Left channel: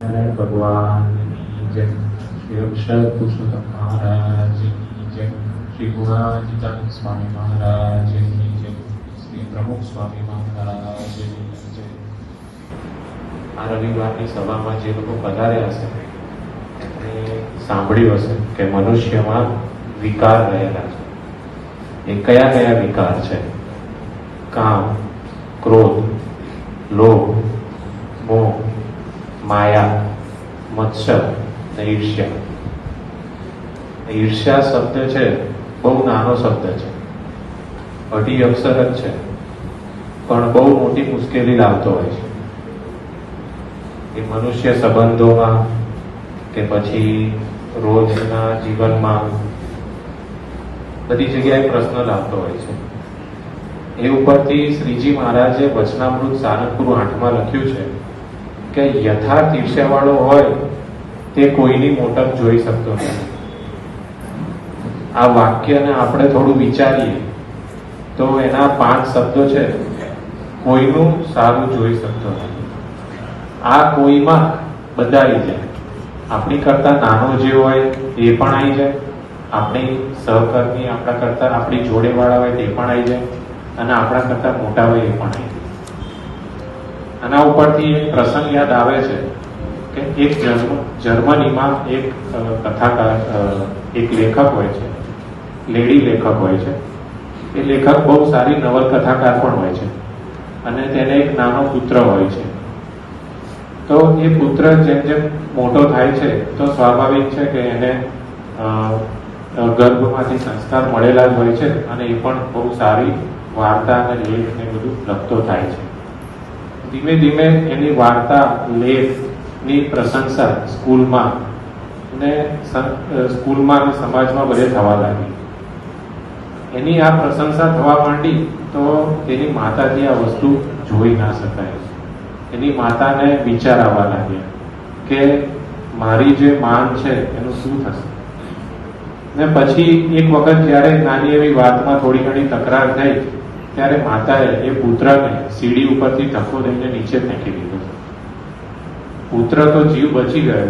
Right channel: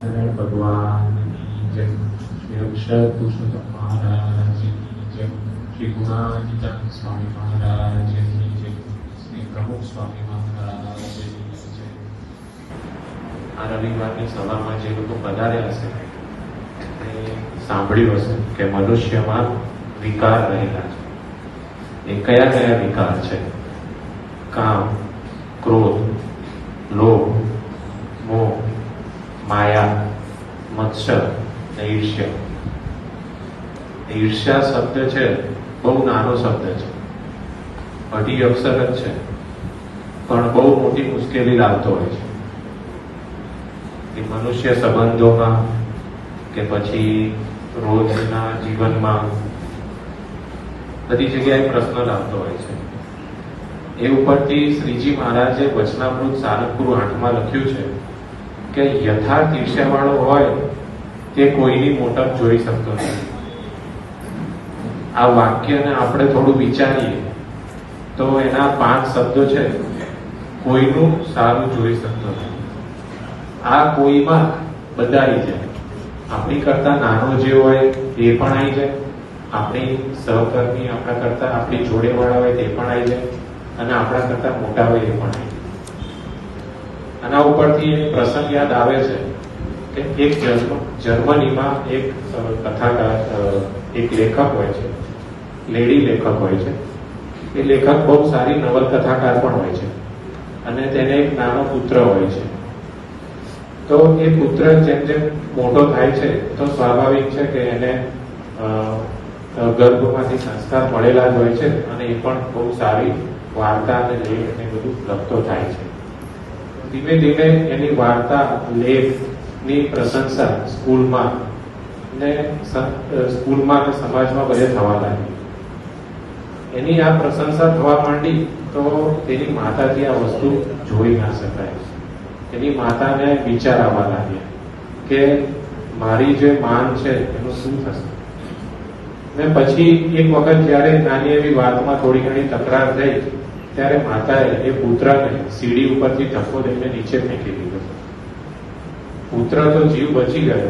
भगवान की जय। श्री अक्षर पुरुषोत्तम महाराज की जय। श्री गुणातीतानंद स्वामी महाराज की जय। श्री प्रमुख स्वामी महाराज की जय। આ રવિવારની સભામાં જે લોકો પધાર્યા હશે એ સાંભળ્યું હશે કે મનુષ્યમાં વિકાર રહેલા છે. એ કયા કયા વિકાર છે? કામ, ક્રોધ, લોભ, મોહ, માયા, મત્સર અને ઈર્ષ્યા. ઈર્ષ્યા શબ્દ છે બહુ નાનો શબ્દ છે, અઢી અક્ષર જ છે, પણ બહુ મોટી મુશ્કેલી લાવતો હોય છે. એ મનુષ્ય સંબંધોમાં કે પછી રોજના જીવનમાં બધી જગ્યાએ પ્રશ્ન લાવતો હોય છે. એ ઉપરથી શ્રીજી મહારાજે વચનામૃત સારંગપુર 8માં લખ્યું છે કે યથાર્થ ઈર્ષ્યાવાળો હોય તે કોઈની મોટપ જોઈ શકતો નથી. આ વાક્યને આપણે થોડું વિચારીએ તો એના 5 શબ્દો છે. કોઈનું સારું જોઈ શકતો નથી. આ કોઈમાં બધા આવી જાય. આપણી કરતા નાનો જે હોય એ પણ આવી જાય, આપણી સહકર્મી આપણા કરતા આપણી જોડે વાળા હોય તે પણ આવી જાય, અને આપણા કરતા મોટા હોય એ પણ આવી જાય. આના ઉપરથી એક પ્રસંગ યાદ આવે છે કે એક જર્મનીમાં એક કથાકાર, એક લેખક હોય છે, લેડી લેખક હોય છે. એ લેખક બહુ સારી નવલકથાકાર પણ હોય છે, અને તેને એક નાનો પુત્ર હોય છે. તો એ પુત્ર જેમ જેમ મોટો થાય છે તો સ્વાભાવિક છે કે એને ગર્ભમાંથી સંસ્કાર મળેલા જ હોય છે, અને એ પણ બહુ સારી વાર્તા અને લેખ ને બધું લખતો થાય છે. ધીમે ધીમે એની વાર્તા, લેખની પ્રશંસા સ્કૂલમાં અને સમાજમાં બધે થવા લાગી. એની આ પ્રશંસા થવા માંડી તો તેની માતાથી આ વસ્તુ જોઈ ના શકાય. એની માતાને વિચાર આવવા લાગ્યા કે મારી જે માન છે એનું શું થશે. ને પછી એક વખત જયારે નાની એવી વાતમાં થોડી ઘણી તકરાર થઈ ત્યારે માતાએ એ પુત્રને સીડી ઉપરથી ધક્કો દઈને નીચે ફેંકી દીધો. પુત્ર તો જીવ બચી ગયો,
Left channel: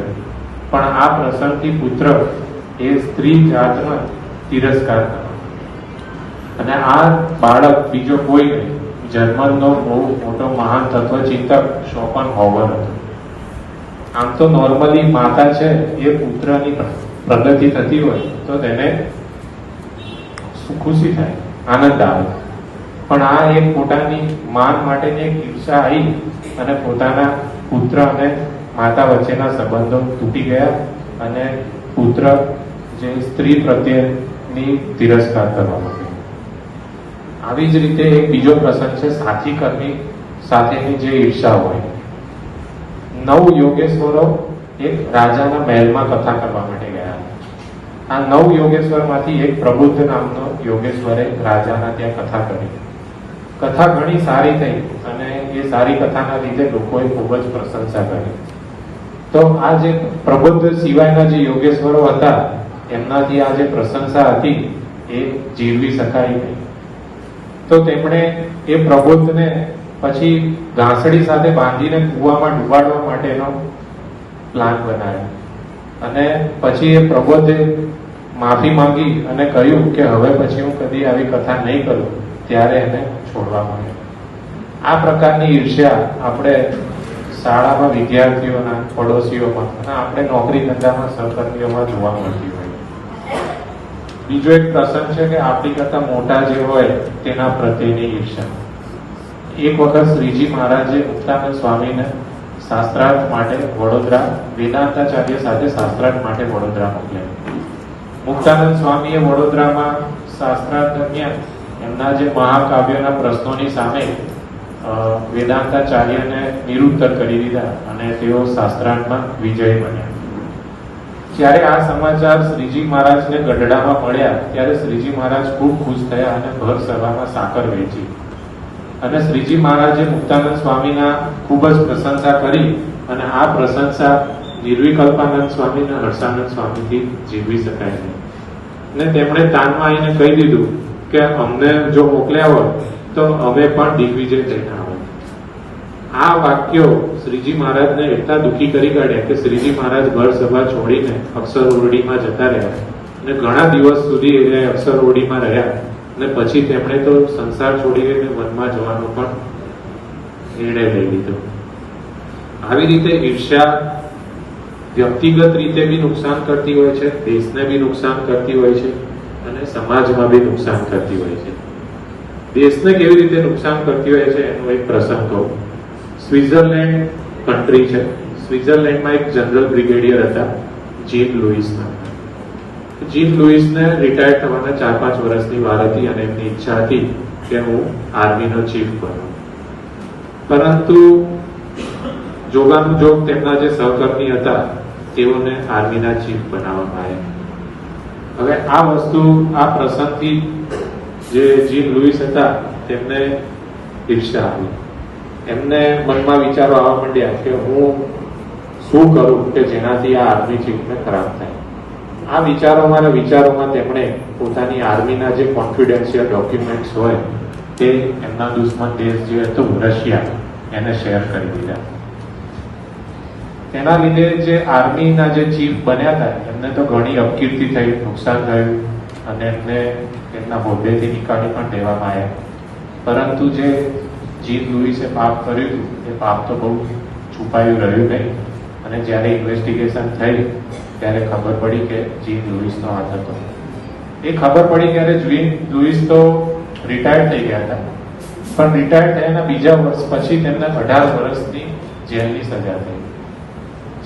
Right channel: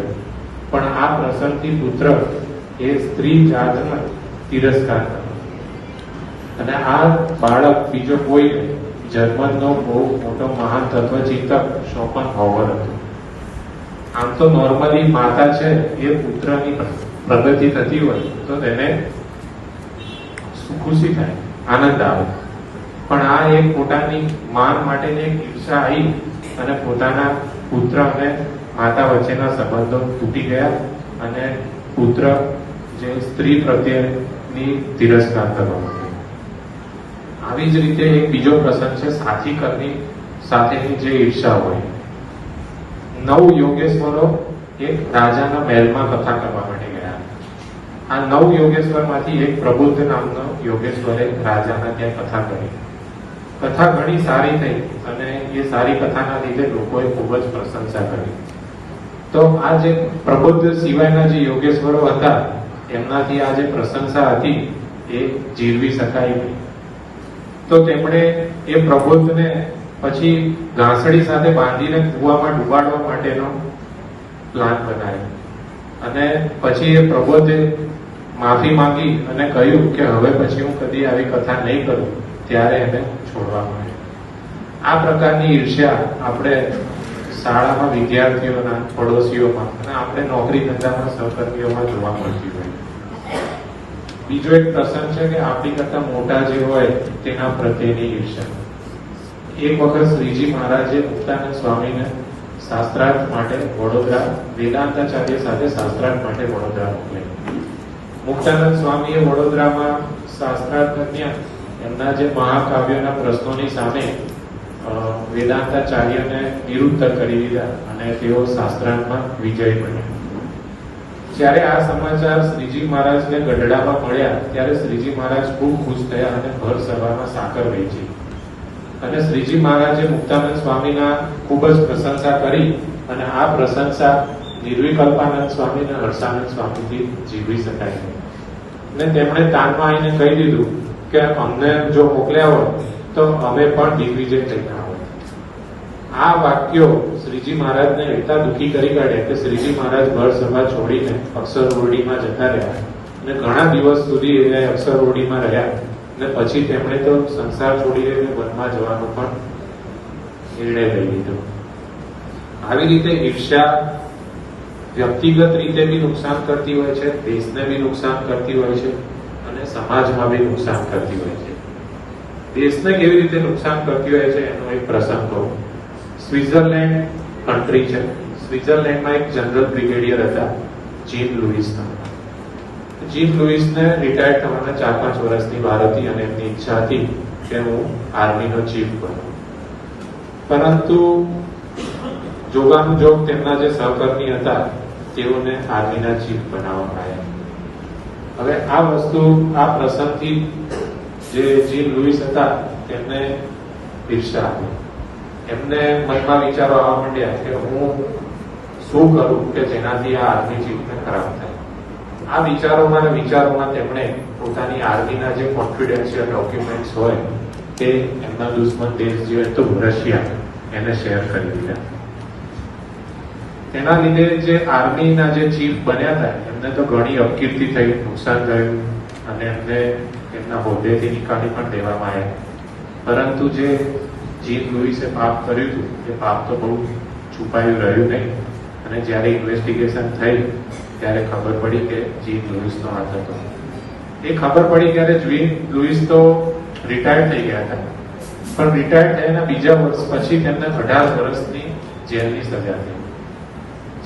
પણ આ પ્રસંગથી પુત્ર એ સ્ત્રી જાતનો તિરસ્કાર કર્યો. અને આ બાળક બીજો કોઈ જર્મનનો બહુ મોટો મહાન તત્વચિંતક શોપનહોવર હતો. આમ તો નોર્મલી માતા છે એ પુત્રની પ્રગતિ થતી હોય તો તેને ખુશી થાય, આનંદ આવે. પણ આ એક પોતાની માન માટેની એક ઈર્ષા આવી અને પોતાના પુત્ર અને માતા વચ્ચેના સંબંધો તૂટી ગયા, અને પુત્ર જે સ્ત્રી પ્રત્યેની તિરસ્કાર કરવા લાગ્યો. આવી જ રીતે એક બીજો પ્રસંગ છે સાથી કર્મી સાથેની જે ઈર્ષા હોય. 9 યોગેશ્વરો એક રાજાના મહેલમાં કથા કરવા માટે ગયા. આ 9 યોગેશ્વરમાંથી એક પ્રબુદ્ધ નામનો યોગેશ્વરે રાજાના ત્યાં કથા કરી. કથા ઘણી સારી થઈ, અને એ સારી કથાના લીધે લોકોએ ખૂબ જ પ્રશંસા કરી. તો આ જે પ્રબુદ્ધ સિવાયના જે યોગેશ્વરો હતા એમનાથી આ જે પ્રશંસા હતી એ જીરવી શકાય નહીં. તો તેમણે એ પ્રબુદ્ધને પછી ઘાસડી સાથે બાંધીને કૂવામાં ડુબાડવા માટેનો પ્લાન બનાવ્યો. અને પછી એ પ્રબુદ્ધે માફી માંગી અને કહ્યું કે હવે પછી હું કદી આવી કથા નહીં કરું, ત્યારે એને છોડવામાં આવ્યો. આ પ્રકારની ઈર્ષ્યા આપણે શાળામાં વિદ્યાર્થીઓના, પડોશીઓમાં, આપણે નોકરી ધંધામાં, સહકર્મીઓમાં જોવા મળતી હોય. બીજો એક પ્રસંગ છે કે આપણી કરતા મોટા જે હોય તેના પ્રત્યેની ઈર્ષ્યા. એક વખત શ્રીજી મહારાજે મુક્તાનંદ સ્વામીને શાસ્ત્રાર્થ માટે વડોદરા, વેદાંતાચાર્ય સાથે શાસ્ત્રાર્થ માટે વડોદરા મોકલ્યા. મુક્તાનંદ સ્વામીએ વડોદરામાં શાસ્ત્રાર્થ દરમિયાન એમના જે મહાકાવ્યના પ્રશ્નોની સામે વેદાંતાચાર્યને નિરુત્તર કરી દીધા, અને તેઓ શાસ્ત્રાર્થમાં વિજય બન્યા. જ્યારે આ સમાચાર શ્રીજી મહારાજને ગઢડામાં મળ્યા ત્યારે શ્રીજી મહારાજ ખૂબ ખુશ થયા અને ભર સભામાં સાકર વહેંચી. અને શ્રીજી મહારાજે મુક્તાનંદ સ્વામીના ખૂબ જ પ્રશંસા કરી, અને આ પ્રશંસા નિર્વિકલ્પાનંદ સ્વામી અને વર્ષાનંદ સ્વામીથી જીવી શકાય છે. અને તેમણે તાનમાં આવીને કહી દીધું કે અમને જો મોકલ્યા હોય તો અમે પણ દિગ્વિજય થઈને આવે. આ વાક્યો શ્રીજી મહારાજને એટલા દુઃખી કરી કાઢ્યા કે શ્રીજી મહારાજ ઘર સભા છોડીને અક્ષર ઓરડીમાં જતા રહ્યા અને ઘણા દિવસ સુધી એ અક્ષર ઓરડીમાં રહ્યા અને પછી તેમણે તો સંસાર છોડીને વનમાં જવાનું પણ નિર્ણય લઈ લીધો. આવી રીતે ઈર્ષ્યા વ્યક્તિગત રીતે બી નુકસાન કરતી હોય છે, દેશને બી નુકસાન કરતી હોય છે અને સમાજમાં બી નુકસાન કરતી હોય છે. દેશને કેવી રીતે નુકસાન કરતી હોય છે એનો એક પ્રસંગ કહું. સ્વિટ્ઝરલેન્ડ કન્ટ્રી છે. સ્વિટ્ઝરલેન્ડમાં એક જનરલ બ્રિગેડિયર હતા, જીન લુઈસના. જીન લુઈસને રિટાયર થવાના 4-5 વર્ષની વાર હતી અને એમની ઈચ્છા હતી કે હું આર્મીનો ચીફ બનું. પરંતુ જોગાનુજોગ તેમના જે સહકર્મી હતા તેઓને આર્મીના ચીફ બનાવવામાં આવ્યા. હવે આ વસ્તુ, આ પ્રસંગથી જે જીન લુઈસ હતા તેમને ઈર્ષ્યા આવી. એમને મનમાં વિચારો આવવા માંડ્યા કે હું શું કરું કે જેનાથી આ આર્મી ચીફને ખરાબ થાય. આ વિચારોમાં તેમણે પોતાની આર્મીના જે કોન્ફિડેન્શિયલ ડોક્યુમેન્ટ્સ હોય તે એમના દુશ્મન દેશ જે હતો રશિયા એને શેર કરી દીધા. તેના લીધે જે આર્મીના જે ચીફ બન્યા હતા એમને તો ઘણી અપકીર્તિ થઈ, નુકસાન થયું અને એમને એમના હોદ્દેથી નિકાળી પણ દેવામાં આવ્યા. પરંતુ જે જીન લુઈસે પાપ કર્યું હતું એ પાપ તો બહુ છુપાયું રહ્યું નહીં અને જ્યારે ઇન્વેસ્ટિગેશન થઈ ત્યારે ખબર પડી કે જીન લુઈસનો હાથ હતો. એ ખબર પડી ત્યારે જીન લુઈસ તો રિટાયર થઈ ગયા હતા, પણ રિટાયર થયાના બીજા વર્ષ પછી તેમને 18 વર્ષની જેલની સજા થઈ.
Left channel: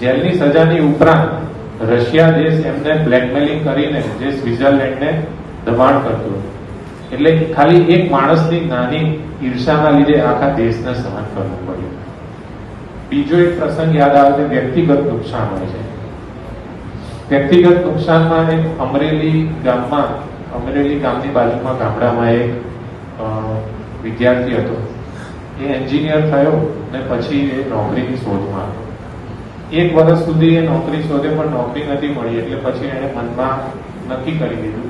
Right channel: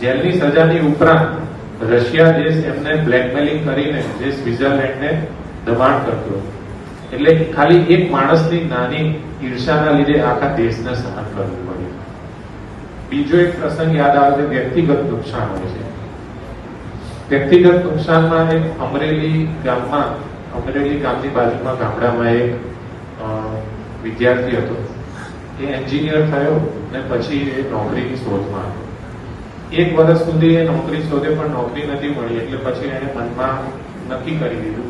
જેલની સજાની ઉપરાંત રશિયા દેશ એમને બ્લેકમેલિંગ કરીને જે સ્વિટ્ઝરલેન્ડને દબાણ કરતું. એટલે ખાલી એક માણસની નાની ઈર્ષાના લીધે આખા દેશને સહન કરવું પડ્યું. બીજો એક પ્રસંગ યાદ આવે છે, વ્યક્તિગત નુકસાન હોય છે. વ્યક્તિગત નુકસાનમાં એક અમરેલી ગામની બાજુમાં ગામડામાં એક વિદ્યાર્થી હતો. એ એન્જિનિયર થયો ને પછી એ નોકરીની શોધમાં. 1 વર્ષ સુધી એ નોકરી શોધે પણ નોકરી નથી મળી. એટલે પછી એને મનમાં નક્કી કરી દીધું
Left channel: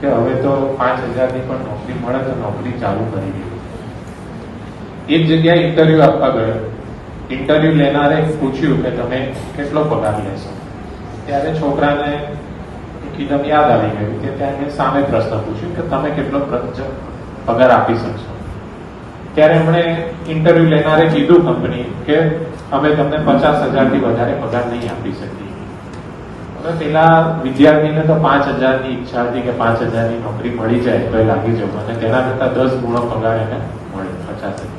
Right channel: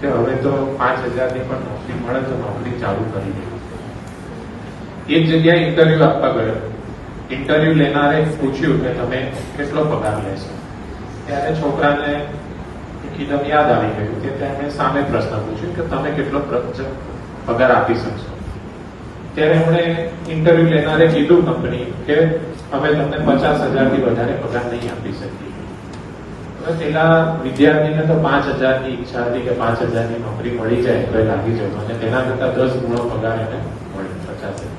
કે હવે તો 5,000ની પણ નોકરી મળે તો નોકરી ચાલુ કરી દીધી. એક જગ્યાએ ઇન્ટરવ્યુ આપવા ગયો. ઇન્ટરવ્યુ લેનારે પૂછ્યું કે તમે કેટલો પગાર લેશો? ત્યારે છોકરાને એકદમ યાદ આવી ગયું કે ત્યાં સામે પ્રશ્ન પૂછ્યું કે તમે કેટલો પગાર આપી શકશો? ત્યારે એમણે ઇન્ટરવ્યુ લેનારે કીધું કંપની કે અમે તમને 50,000થી વધારે પગાર નહીં આપી શકીએ. પેલા વિદ્યાર્થીને તો 5,000ની ઈચ્છા હતી કે 5,000ની નોકરી મળી જાય એટલે લાગી જવું અને તેના કરતા 10 ગુણો પગાર એને મળે 50,000.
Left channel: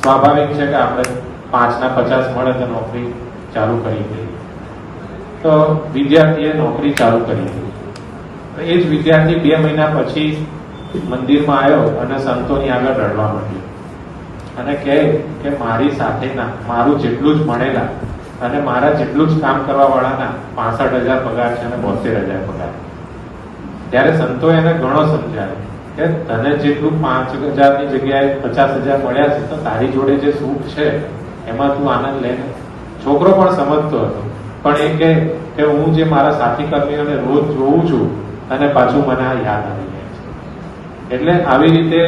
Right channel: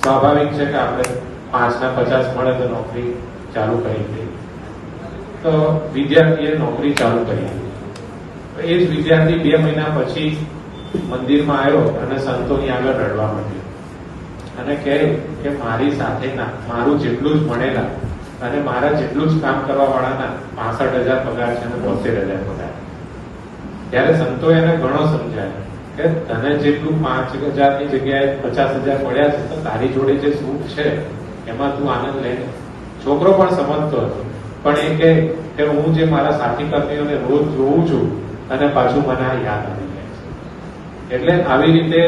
સ્વાભાવિક છે કે આપણે 5ના 50 મળે તો નોકરી ચાલુ કરી દઈએ. તો વિદ્યાર્થીએ નોકરી ચાલુ કરી દીધી. એ જ વિદ્યાર્થી 2 મહિના પછી મંદિરમાં આવ્યો અને સંતોની આગળ રડવા માંડ્યો અને કહે કે મારી સાથેના મારું જેટલું જ મળેલા અને મારા જેટલું જ કામ કરવા વાળાના 65,000 પગાર છે અને 72,000 પગાર. ત્યારે સંતો એને ઘણો સમજાય કે તને જેટલું 5,000ની જગ્યાએ 50,000 મળ્યા છે તો તારી જોડે જે સુખ છે એમાં તું આનંદ લે. છોકરો પણ સમજતો હતો, પણ એ કે હું જે મારા સાથી કર્મીઓને રોજ જોઉં છું અને પાછું મને યાદ આવી જાય છે. એટલે આવી રીતે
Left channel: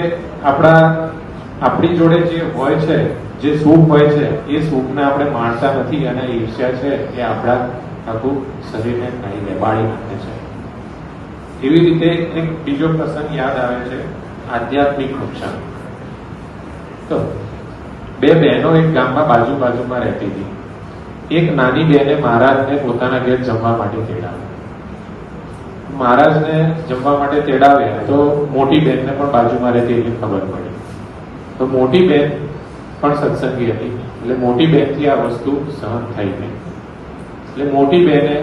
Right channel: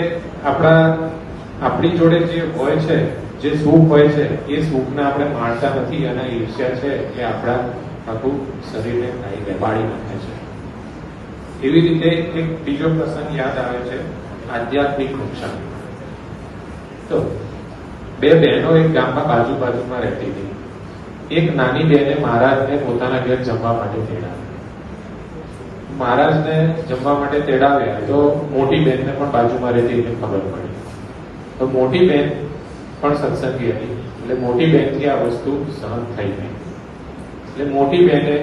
આપણી જોડે જે હોય છે, જે સુખ હોય છે એ સુખને આપણે માણતા નથી અને ઈર્ષ્યા છે એ આપણા આખું શરીરને ખાઈ દે, બાળી નાખે છે. એવી રીતે એક બીજો પ્રસંગ યાદ આવે છે, આધ્યાત્મિક નુકસાન. તો 2 બહેનો એક ગામમાં બાજુમાં રહેતી હતી. એક નાની બહેને મહારાજને પોતાના ઘેર જમવા માટે તેડાવ્યા. મહારાજને જમવા માટે તેડાવ્યા તો મોટી બહેનને પણ બાજુમાં રહેતી એને ખબર પડી. તો મોટી બહેન પણ સત્સંગી હતી એટલે મોટી બહેનથી આ વસ્તુ સહન થઈ ગઈ. એટલે મોટી બહેને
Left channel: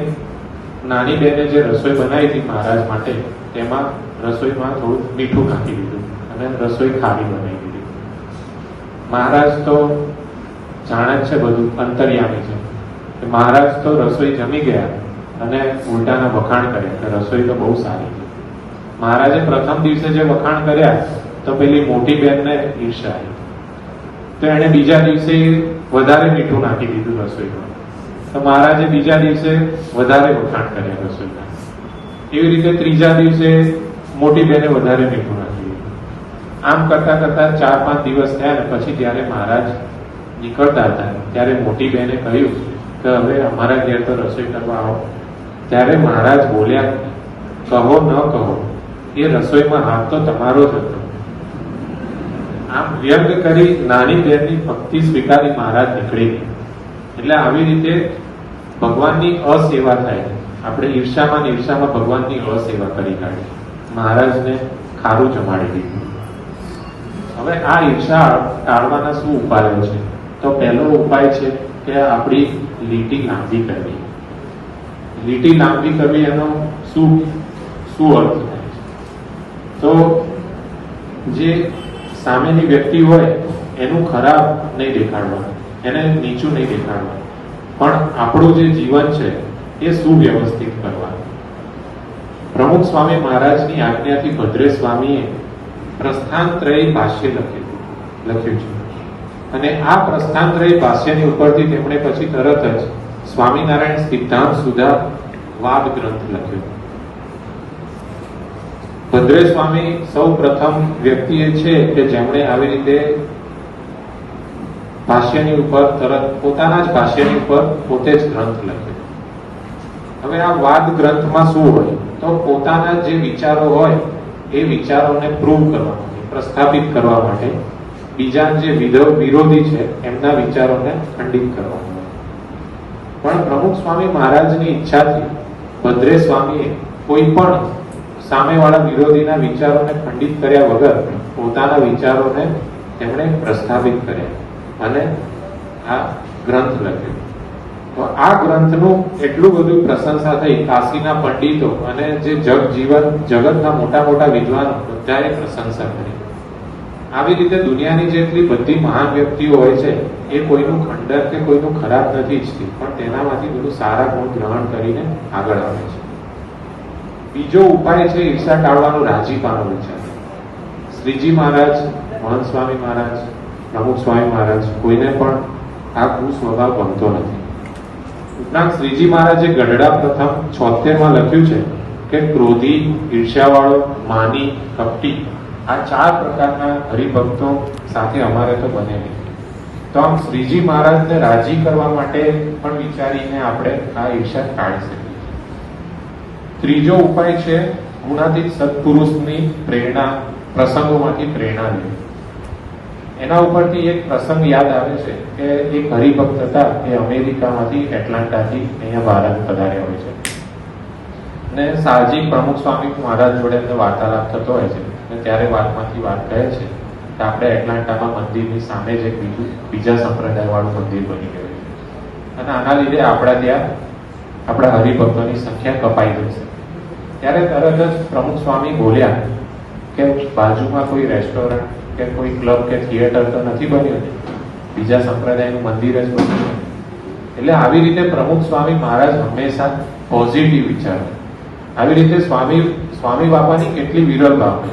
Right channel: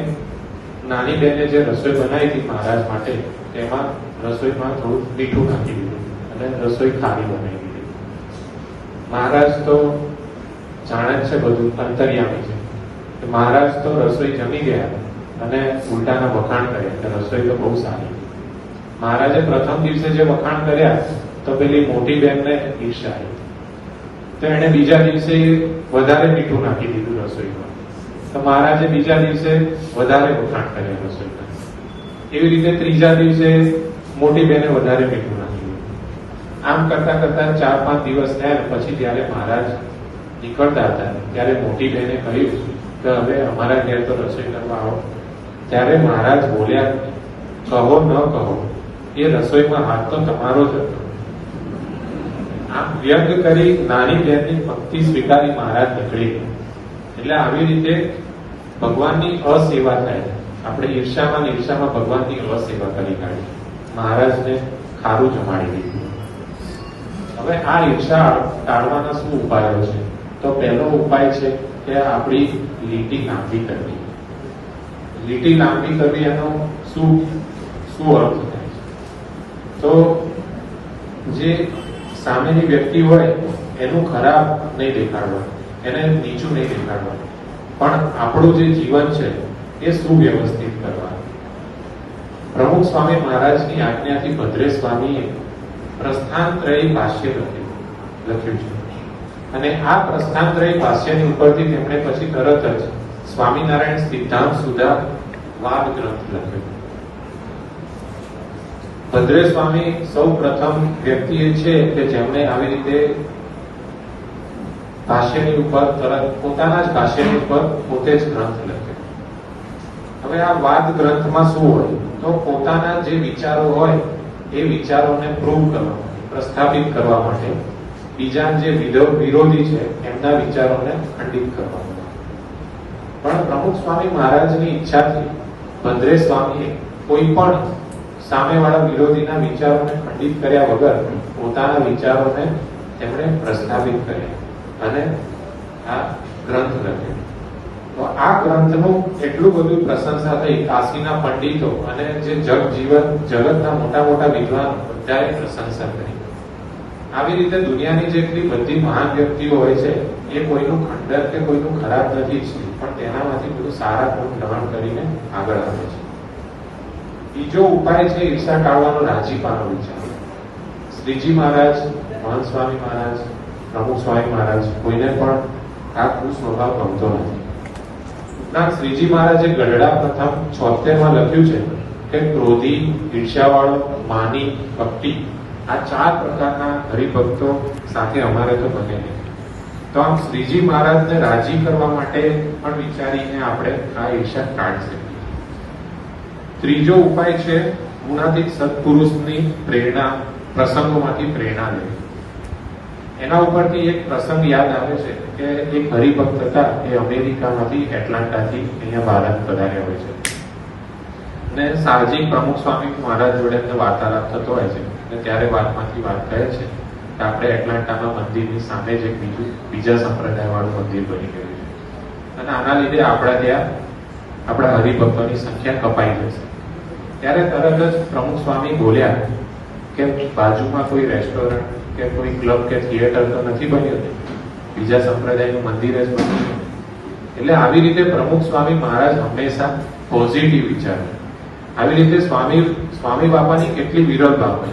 નાની બહેને જે રસોઈ બનાવી હતી મહારાજ માટે તેમાં રસોઈમાં થોડું મીઠું નાખી દીધું અને રસોઈ ખારી બની દીધી. મહારાજ તો જાણે છે બધું, અંતર્યામી છે. મહારાજ તો રસોઈ જમી ગયા અને ઉલટાના વખાણ કર્યા, રસોઈ તો બહુ સારી. મહારાજે પ્રથમ દિવસે જે વખાણ કર્યા તો પેલી મોટી બહેનને ઈર્ષ્યા આવી. તો એને બીજા દિવસે વધારે મીઠું નાખી દીધું રસોઈમાં. તો મહારાજે બીજા દિવસે વધારે વખાણ કર્યા રસોઈમાં. એવી રીતે ત્રીજા દિવસે મોટી બહેને વધારે મીઠું નાખી દીધું. આમ કરતા 4-5 દિવસ થયા ને પછી ત્યારે મહારાજ નીકળતા હતા ત્યારે મોટી બહેને કહ્યું કે હવે અમારા ઘેર તો રસોઈ કરવા આવો. ત્યારે મહારાજ બોલ્યા, કહો ન કહો, એ રસોઈમાં હાથ તો તમારો જ હતો. આમ વ્યક્ત કરી નાની બહેનની ભક્તિ સ્વીકારી મહારાજ નીકળી ગયા. એટલે આવી રીતે ભગવાનની અસેવા થાય. આપણે ઈર્ષામાં ને ઈર્ષામાં ભગવાનની અસેવા કરી કાઢી. મહારાજને ખારું જમાડી દીધું. હવે આ ઈર્ષા ટાળવાના શું ઉપાયો છે? તો પહેલો ઉપાય છે કે આપણી લીટી લાંબી કરવી. લીટી લાંબી કરવી એનો શું અર્થ થાય? તો જે સામેની વ્યક્તિ હોય એનું ખરાબ નહીં દેખાડવાનું, એને નીચું નહીં દેખાડવાનું, પણ આપણું જે જીવન છે એ સુવ્યવસ્થિત કરવાનું. પ્રમુખ સ્વામી મહારાજની આજ્ઞાથી ભદ્રે સ્વામીએ પ્રસ્થાનત્રયી ભાષ્ય લખ્યું છે. અને આ પ્રસ્થાનત્રયી ભાષ્યની ઉપરથી તેમણે પછી તરત જ સ્વામિનારાયણ સિદ્ધાંત સુધા વાદ ગ્રંથ લખ્યો. ભદ્રે સ્વામી સૌ પ્રથમ વ્યક્તિ છે કે જેમણે આવી રીતે ભાષ્યની ઉપર તરત પોતાના જ ભાષ્યની ઉપર પોતે જ ગ્રંથ લખ્યો. હવે આ વાદ ગ્રંથમાં શું હોય? તો પોતાના જે વિચારો હોય એ વિચારોને પ્રૂવ કરવા માટે, પ્રસ્થાપિત કરવા માટે, બીજા જે વિરોધી છે એમના વિચારોને ખંડિત કરવા માટે. પણ પ્રમુખ સ્વામી મહારાજની ઈચ્છાથી ભદ્રે સ્વામીએ કોઈ પણ સામેવાળા વિરોધીના વિચારોને ખંડિત કર્યા વગર પોતાના વિચારોને તેમણે પ્રસ્થાપિત કર્યા અને આ ગ્રંથ લખ્યો. તો આ ગ્રંથનું એટલું બધું પ્રશંસા થઈ. કાશીના પંડિતો અને જે જગતના મોટા મોટા વિદ્વાનો બધાએ પ્રશંસા કરી. આવી રીતે દુનિયાની જેટલી બધી મહાન વ્યક્તિઓ હોય છે એ કોઈનું ખંડન કે કોઈનું ખરાબ નથી ઈચ્છતી, પણ તેનામાંથી બધું સારા ગુણ ગ્રહણ કરીને આગળ આવે છે. બીજો ઉપાય છે ઈર્ષા ટાળવાનો, રાજીપાનો વિચાર. શ્રીજી મહારાજ, મહંત સ્વામી મહારાજ, પ્રમુખ સ્વામી મહારાજ કોઈને પણ આ કુસ્વભાવ ગમતો નથી. ઉપરાંત શ્રીજી મહારાજે ગઢડા પ્રથમ 76 લખ્યું છે કે ક્રોધી, ઈર્ષ્યાવાળો, માની, કપટી આ 4 પ્રકારના હરિભક્તો સાથે અમારે તો બને નહીં. તો આમ શ્રીજી મહારાજને રાજી કરવા માટે પણ વિચારીને આપણે આ ઈર્ષા ટાળી શકીએ. ત્રીજો ઉપાય છે ગુણાતીત સત્પુરુષની પ્રેરણા, પ્રસંગોમાંથી પ્રેરણા લેવી. એના ઉપરથી એક પ્રસંગ યાદ આવે છે કે એક હરિભક્ત હતા એ અમેરિકામાંથી, એટલાન્ટાથી અહીંયા ભારત પધાર્યા હોય છે. અને સાહજિક પ્રમુખ સ્વામી મહારાજ જોડે એમને વાર્તાલાપ થતો હોય છે. અને ત્યારે વાતમાંથી વાત કહે છે કે આપણે એટલાન્ટામાં મંદિરની સામે જ એક બીજા સંપ્રદાય વાળું મંદિર બની ગયું છે અને આના લીધે આપણા ત્યાં આપણા હરિભક્તોની સંખ્યા કપાઈ જશે. ત્યારે તરત જ પ્રમુખ સ્વામી બોલ્યા કે બાજુમાં કોઈ રેસ્ટોરન્ટ કે કોઈ ક્લબ કે થિયેટર તો નથી બન્યું, બીજા સંપ્રદાયનું મંદિર જ બન્યું. એટલે આવી રીતે પ્રમુખ સ્વામી મહારાજ હંમેશા પોઝિટિવ વિચારો. આવી રીતે સ્વામી બાપાની કેટલી વિરલ બાબત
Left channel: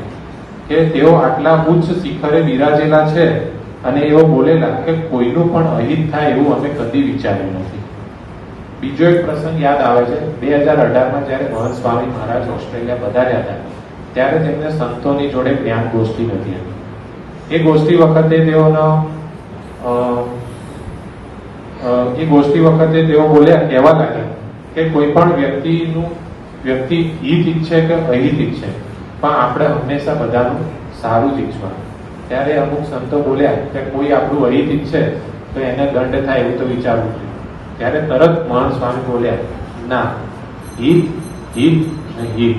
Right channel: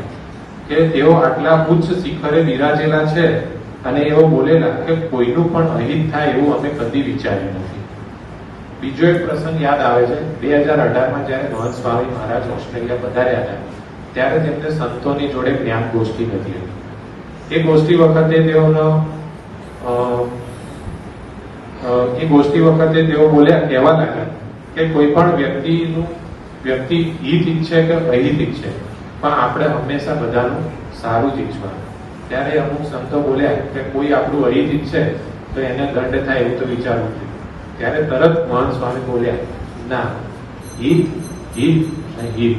કે તેઓ આટલા ઉચ્ચ શિખરે બિરાજેલા છે અને એઓ બોલેલા કે કોઈનું પણ અહિત થાય એવું અમે કદી વિચાર્યું નથી. બીજો એક પ્રસંગ યાદ આવે છે. 2018માં જયારે મહંત સ્વામી મહારાજ ઓસ્ટ્રેલિયા પધાર્યા હતા ત્યારે તેમને સંતોની જોડે જ્ઞાન ગોષ્ઠી હતી. એ ગોષ્ઠી વખતે તેઓ બોલ્યા, કહેવા ગયા કે કોઈ પણ વ્યક્તિ હિત ઈચ્છે કે અહિત ઈચ્છે, પણ આપણે હંમેશા બધાનું સારું જ ઈચ્છવાનું. ત્યારે અમુક સંતો બોલ્યા કે કોઈ આપણું અહિત ઈચ્છે તો એને દંડ થાય એવું તો વિચારવું જોઈએ. ત્યારે તરત મહંત સ્વામી બોલ્યા, ના, હિત હિત ને હિત,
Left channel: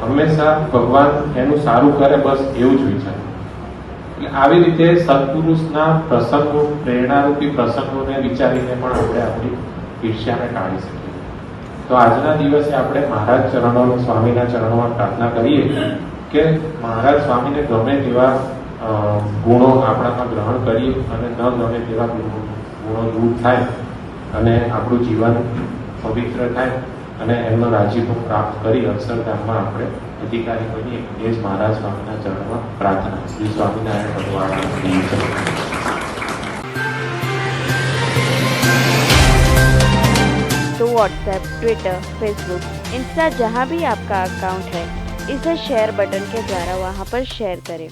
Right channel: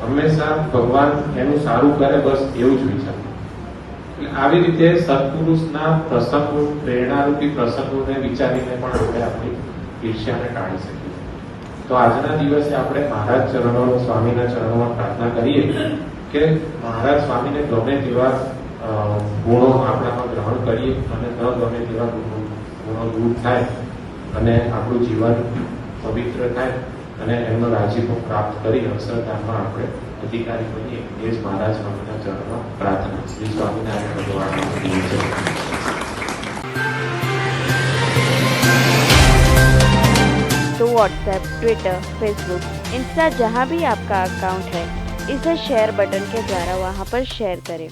હંમેશા ભગવાન એનું સારું કરે બસ એવું જ વિચાર. આવી રીતે સત્પુરુષના પ્રસંગો, પ્રેરણારૂપી પ્રસંગોને વિચારીને પણ આપણે આપણી ઈર્ષ્યાને ટાળી શકીએ. તો આજના દિવસે આપણે મહારાજ ચરણો, સ્વામીના ચરણોમાં પ્રાર્થના કરીએ કે મહારાજ સ્વામીને ગમે તેવા ગુણો આપણામાં ગ્રહણ કરીએ અને ન ગમે તેવા ગુણો દૂર થાય અને આપણું જીવન પવિત્ર થાય અને એમનો રાજીપો પ્રાપ્ત કરી અક્ષરધામમાં આપણે અધિકારી બનીએ. એ જ મહારાજ સ્વામીના ચરણમાં પ્રાર્થના. શ્રી સ્વામિનારાયણ ભગવાન. तो व्हाट्सएप, ट्विटर, फेसबुक, इंस्टा जहाँ भी आपका अकाउंट है इसे शेयर बटन के द्वारा वहाँ पर शेयर करें।